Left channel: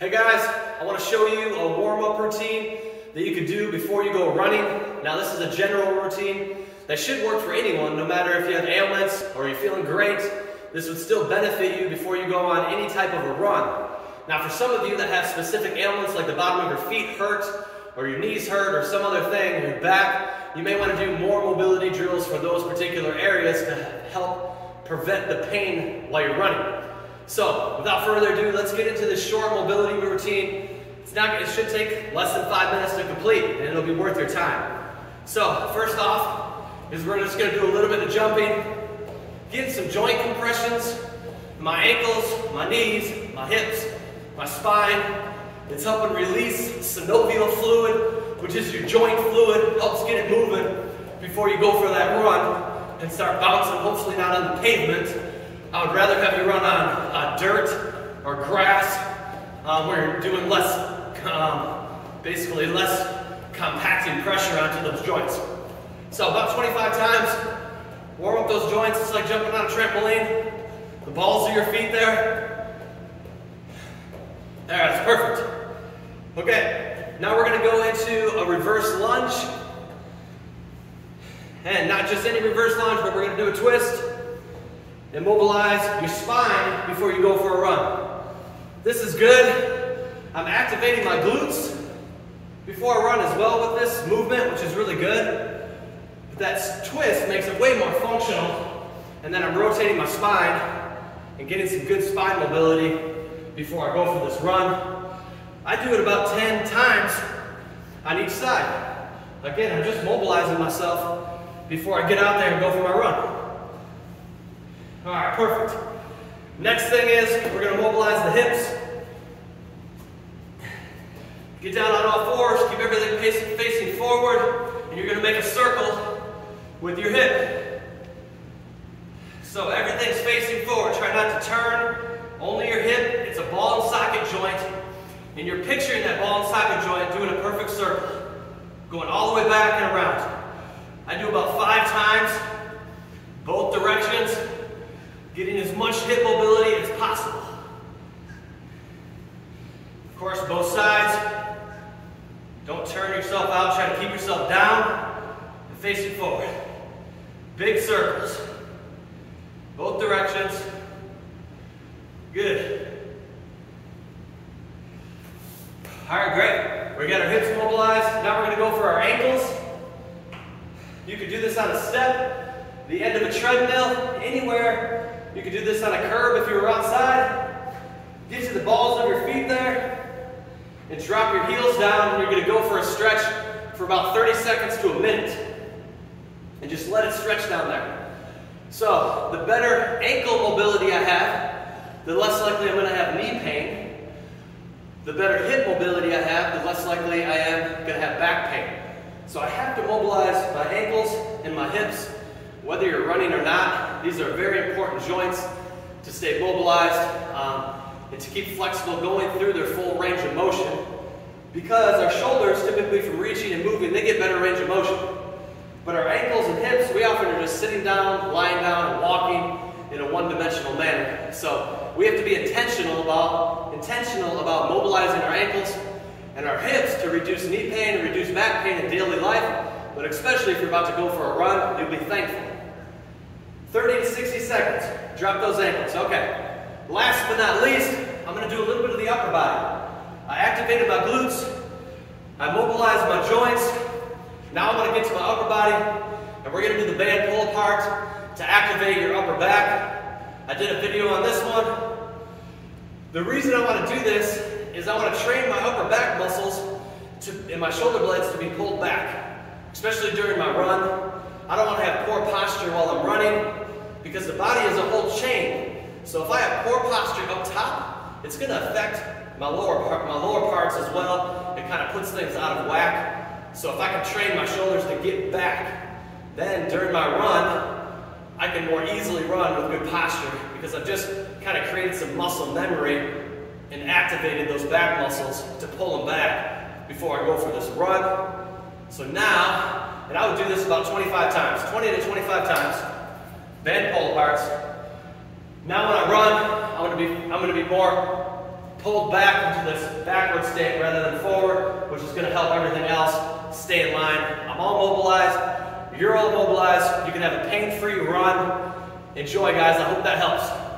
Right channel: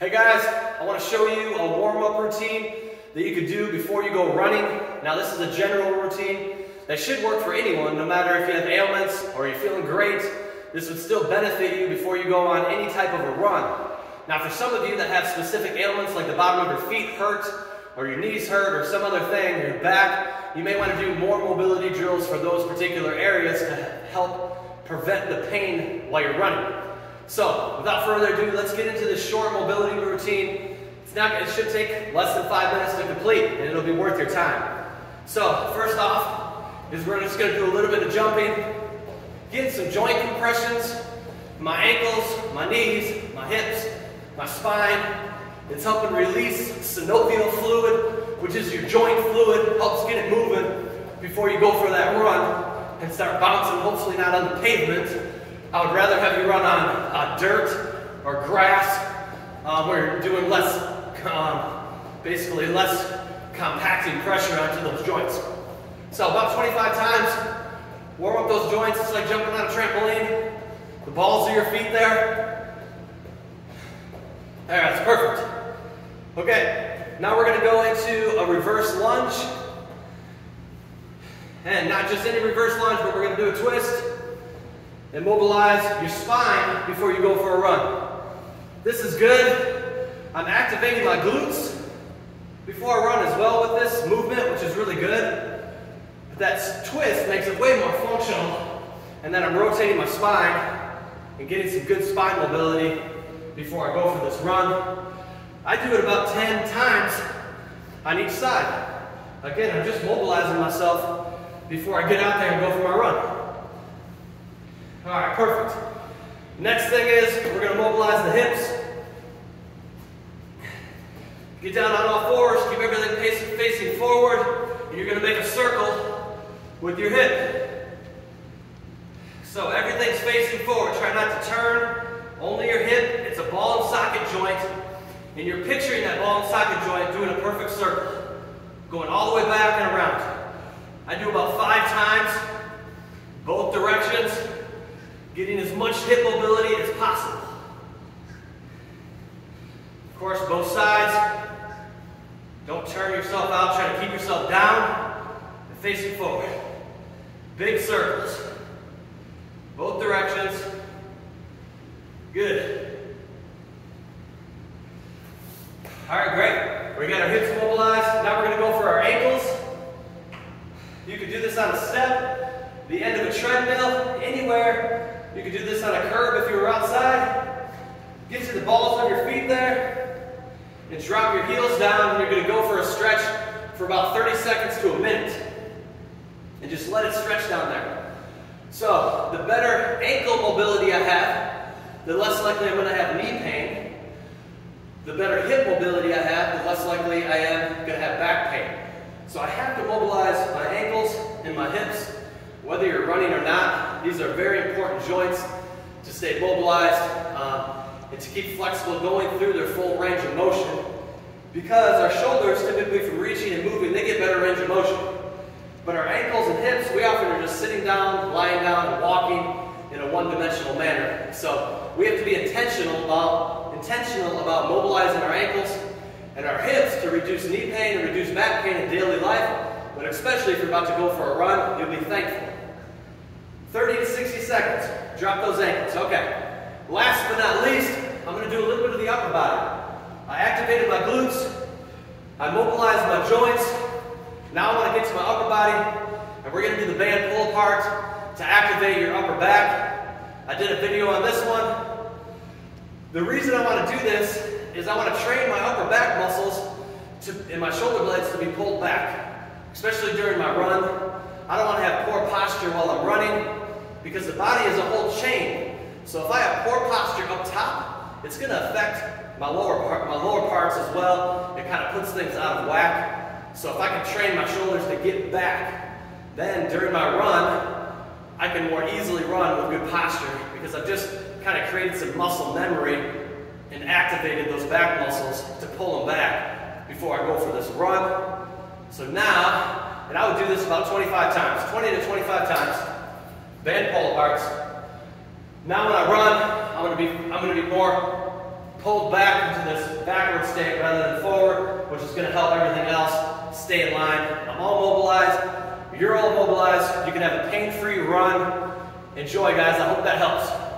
Hey guys, I want to show you a warm-up routine that you can do before you go running. Now this is a general routine that should work for anyone, no matter if you have ailments or you're feeling great. This would still benefit you before you go on any type of a run. Now for some of you that have specific ailments like the bottom of your feet hurt, or your knees hurt, or some other thing, your back, you may want to do more mobility drills for those particular areas to help prevent the pain while you're running. So, without further ado, let's get into this short mobility routine. It should take less than 5 minutes to complete, and it'll be worth your time. So, first off, is we're just going to do a little bit of jumping, getting some joint compressions, my ankles, my knees, my hips, my spine. It's helping release synovial fluid, which is your joint fluid, helps get it moving before you go for that run and start bouncing, hopefully not on the pavement. I would rather have you run on dirt or grass where you're doing less, basically less compacting pressure onto those joints. So about 25 times, warm up those joints. It's like jumping on a trampoline. The balls of your feet there. All right, that's perfect. Okay, now we're going to go into a reverse lunge. And not just any reverse lunge, but we're going to do a twist. And mobilize your spine before you go for a run. This is good. I'm activating my glutes before I run as well with this movement, which is really good. But that twist makes it way more functional. And then I'm rotating my spine and getting some good spine mobility before I go for this run. I do it about 10 times on each side. Again, I'm just mobilizing myself before I get out there and go for my run. All right, perfect. Next thing is we're going to mobilize the hips. Get down on all fours, keep everything facing forward, and you're going to make a circle with your hip. So everything's facing forward. Try not to turn, only your hip. It's a ball and socket joint, and you're picturing that ball and socket joint doing a perfect circle, going all the way back and around. I do about 5 times, both directions, getting as much hip mobility as possible. Of course, both sides. Don't turn yourself out. Try to keep yourself down and facing forward. Big circles. Both directions. Good. All right, great. We got our hips mobilized. Now we're going to go for our ankles. You could do this on a step, the end of a treadmill, anywhere. You could do this on a curb if you were outside. Get to the balls of your feet there and drop your heels down, and you're going to go for a stretch for about 30 seconds to a minute. And just let it stretch down there. So, the better ankle mobility I have, the less likely I'm going to have knee pain. The better hip mobility I have, the less likely I am going to have back pain. So I have to mobilize my ankles and my hips. Whether you're running or not, these are very important joints to stay mobilized and to keep flexible going through their full range of motion. Because our shoulders, typically from reaching and moving, they get better range of motion. But our ankles and hips, we often are just sitting down, lying down, and walking in a one-dimensional manner. So we have to be intentional about mobilizing our ankles and our hips to reduce knee pain and reduce back pain in daily life. But especially if you're about to go for a run, you'll be thankful. 30 to 60 seconds. Drop those ankles. Okay. Last but not least, I'm going to do a little bit of the upper body. I activated my glutes. I mobilized my joints. Now I want to get to my upper body, and we're going to do the band pull apart to activate your upper back. I did a video on this one. The reason I want to do this is I want to train my upper back muscles and my shoulder blades to be pulled back, especially during my run. I don't want to have poor posture while I'm running because the body is a whole chain. So if I have poor posture up top, it's going to affect my lower parts as well. It kind of puts things out of whack. So if I can train my shoulders to get back, then during my run, I can more easily run with good posture because I've just kind of created some muscle memory and activated those back muscles to pull them back before I go for this run. So now, and I would do this about 25 times, 20 to 25 times, band pull aparts. Now when I run, I'm going to be more pulled back into this backward state rather than forward, which is going to help everything else stay in line. I'm all mobilized. You're all mobilized. You can have a pain-free run. Enjoy, guys. I hope that helps.